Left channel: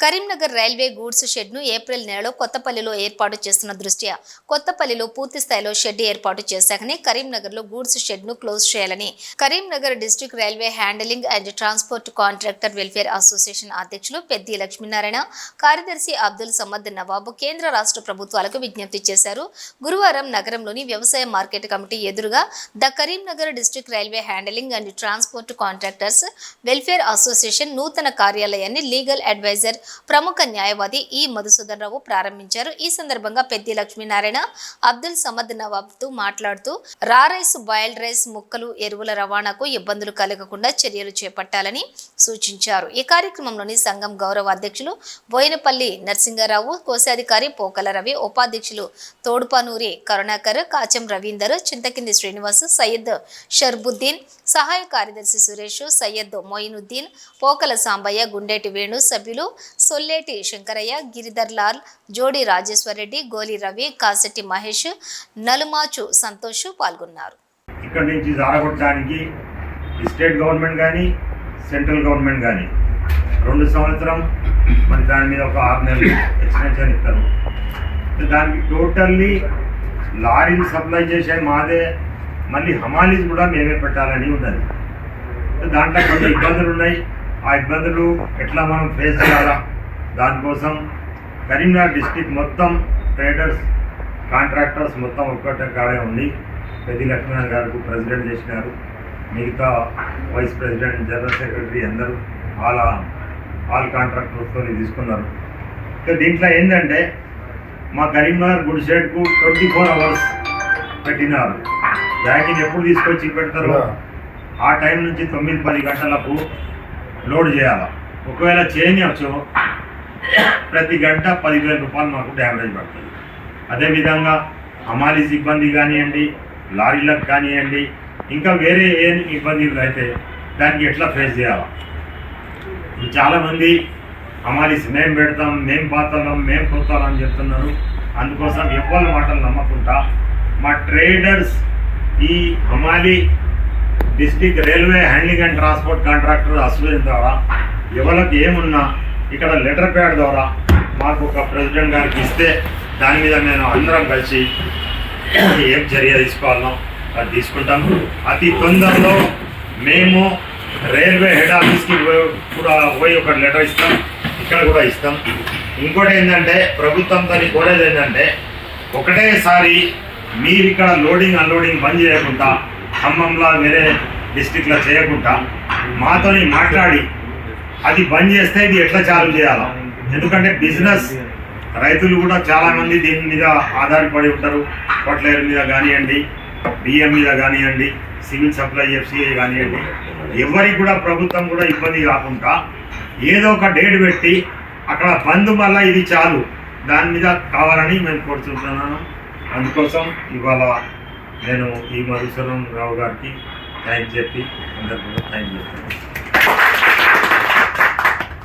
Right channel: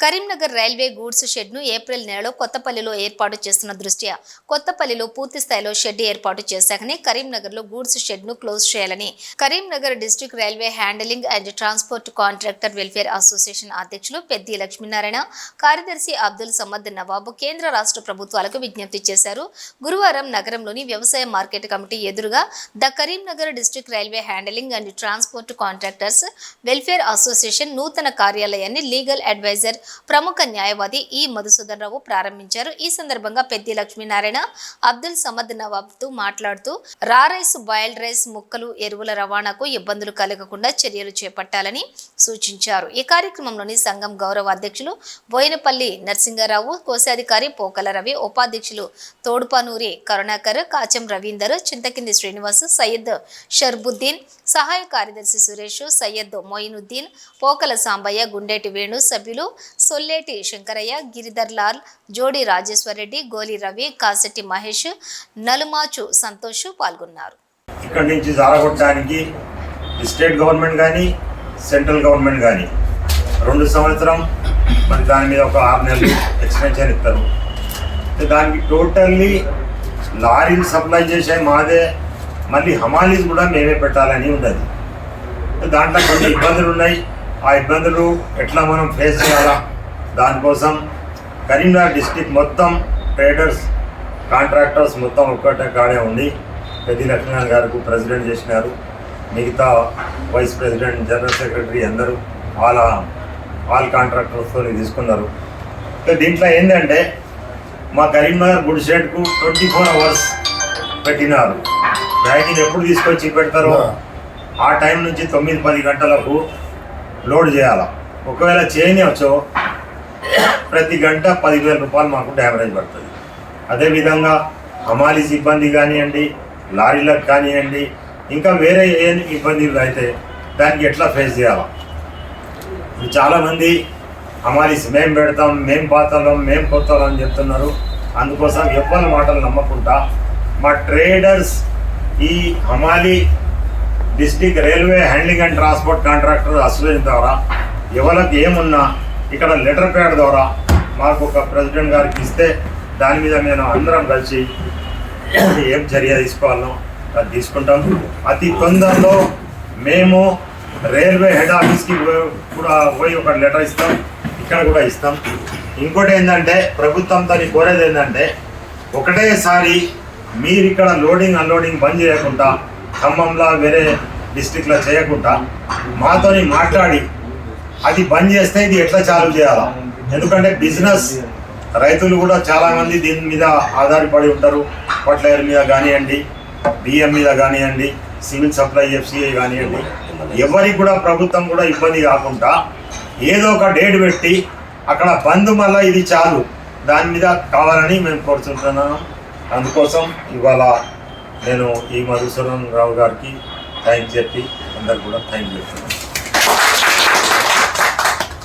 Karimnagar railway goods షెడ్ను April నెలలో కొత్తపల్లిలో ఏర్పాటు చేస్తున్న దృష్ట్యా కొత్తపల్లిలో పూర్తి స్థాయిలో షెడ్ ఏర్పాటు చేశాకనే కరీంనగర్లో గూడ్స్ షెడ్ను క్లోజ్ చేయాలని Karimnagar district railway handling and transport contractor welfare association అధ్యక్షులు పెద్ది లక్ష్మీనారాయణ కార్యదర్శి అబ్దుల్ సమద్ నవాబు కేంద్ర రాష్ట్ర ప్రభుత్వాలకు విజ్ఞప్తి చేశారు. గురువారం నగరంలోని వ్యవసాయ మార్కెట్ కమిటీ ఎదురుగా the Karimnagar district railway handling and transport contractors welfare association నూతన కార్యాలయాన్ని లీగల్ అడ్వైజర్ ప్రముఖ న్యాయవాది ఈ మధుసూదన్ రావు ప్రారంభించారు. ఈ సందర్భంగా పెద్ది లక్ష్మీనారాయణ అబ్దుల్ సమద్ నవాబ్తో మాట్లాడుతూ రా రైస్ బాయిల్డ్ రైస్ ముక్కలు ఎరువుల రవాణాకు ఇబ్బందులు కలగకుండా చర్యలు చేపట్టాలని సూచించారు. ఈ కార్యక్రమంలోని సంఘం గౌరవ అధ్యక్షులు బోయినపల్లి నరసింగారావు కోశాధికారి పోకల రవి ఉపాధ్యక్షులు తోడుపానూరి కరుణాకర్ కాచం రవీందర్ చింతకింది శ్రీనివాస్ సయ్యద్ షర్బుద్దీన్ సహాయ కార్యదర్శి సురేష్ సయ్యద్ మొయినుద్దీన్ పోకల సాంబయ్య గుండేటి వేణు సభ్యులు సొల్లేటి శంకరయ్య గిరిధర్ లాల్ జోడి రాజేశ్వరరెడ్డి గోలి రవి కాసెట్టి మహేష్ నలుమాచు సంతోష్ పాల్గొన్నారు. ఇక్కడి నుంచి జారగొట్టడానికి స్టేట్ గవర్నమెంట్ కానీ సెంట్రల్ గవర్నమెంట్ కానీ రెండు సంవత్సరం మరి దాని ఒక ఆరు నెలలు ఎక్స్టెన్షన్ ఇస్తారు. దానికి టోటల్లీ లారీలు సప్లై చేసే మాదే మళ్ళీ హమాలీస్ కూడా మేమే పెట్టాలని ఉన్నది. దాంట్లో కొన్ని ఇబ్బందులు ఉన్నాయి. ఆ ఇబ్బందులు ఎట్లా మనం ఫేస్ చేయాలా? దానికోసం కరీంనగర్ డిస్టిక్ మొత్తం ట్రేడర్స్ కాంట్రాక్టర్స్ మొత్తం ఒక్కటే కాడే ఉంది. పెద్ది లక్ష్మణ్ గారికి ప్రెసిడెంట్ చేసినారు. మిగతా వైస్ ప్రెసిడెంట్ జనరల్ సెక్రటరీ అందరూ వాళ్ళ ఆల్ కాంట్రాక్టర్స్తో తీసుకున్నారు. సో దీంట్లో ఏంటంటే మా కరీంనగర్ గుడ్ షెడ్కు ట్వంటీ ఫోర్ అవర్స్ పెట్టినారు. బ్యాగింగ్ ఎప్పుడు తీసుకొచ్చి పెడతారో? ఆ టైం నుంచి తొమ్మిది పది గంటలకు లోడ్ చేయాలి? ఒకవేళ చేయనివచ్చో ప్రతి గంట పదివేల రూపాయలు మాకు డ్యామేజ్ పడుతుంది. అదేవిధంగా హమాలీ సిబ్బంది కానివ్వండి లారీలకు కానివ్వండి ఇంకా వేరే ఏ ఇబ్బందులు అయితే దానికి ఎట్లా ఫేస్ చేయాలి? ఇప్పుడు చాలామంది హమాలీస్ మేము పెడతాం మేము పాతాం మేము పోతాం అని చెప్తున్నారు. అందుకోసం ఎవరి మాటలు నమ్మకుండా మా ట్రేడర్స్ ఈ హమాలీ district railway handling and transport contractor association ద్వారా ఎవరికి ఏమున్నా ఇక్కడ లెటర్ ప్యాడ్ ద్వారా మాకు ఒక ప్రెసిడెంట్ గారికి ఇస్తే దాని మీద మేము అందరం కలిసి ఏం చర్య తీసుకోవాలో అది తీసుకుంటాం. అతి తొందరలో మేము రైల్వే హెడ్ ఆఫీస్కి కూడా పోయి ఒక లెటర్ ఇస్తాం ఇక్కడ కూడా ఇస్తాం. ఇంకోటి ఏంటంటే ప్రభుత్వంతో కోరేది ఏంటంటే ఒకటేసారి మీరు ఇక్కడ లోడింగ్ అన్లోడింగ్ బంద్ చేయకుండా ఖమ్మంలా వేరే డిస్టిక్లో చేయకుండా మాతోని మాట్లాడి అది బంద్ చేస్తే ఇది ఎట్లా చాలు చేయాలా? ఎందుకంటే బిజినెస్ రైతులు కూడా చాలామంది దీని మీద ఆధారపడి ఉంటారు. ఫర్టిలైజర్ మీద కానివ్వండి బియ్యం మీద కానివ్వండి సివిల్ సప్లై ఎఫ్సిఐ కానివ్వండి. ఎవరికి కూడా ప్రభుత్వం కూడా ఇబ్బంది కాకుండా ఏదో ఒక డేట్ పెట్టి అక్కడ బంద్ మళ్ళా ఇది చాలు. దాని మీద కావాలని మేము కోరుతుంటున్నాను అందుకోసం ఇవాళ నేను ఈ మధుసూదన్ రావు గారికి థ్యాంక్ చెప్పి అందరికి కూడా థ్యాంక్ చెప్తున్నాను.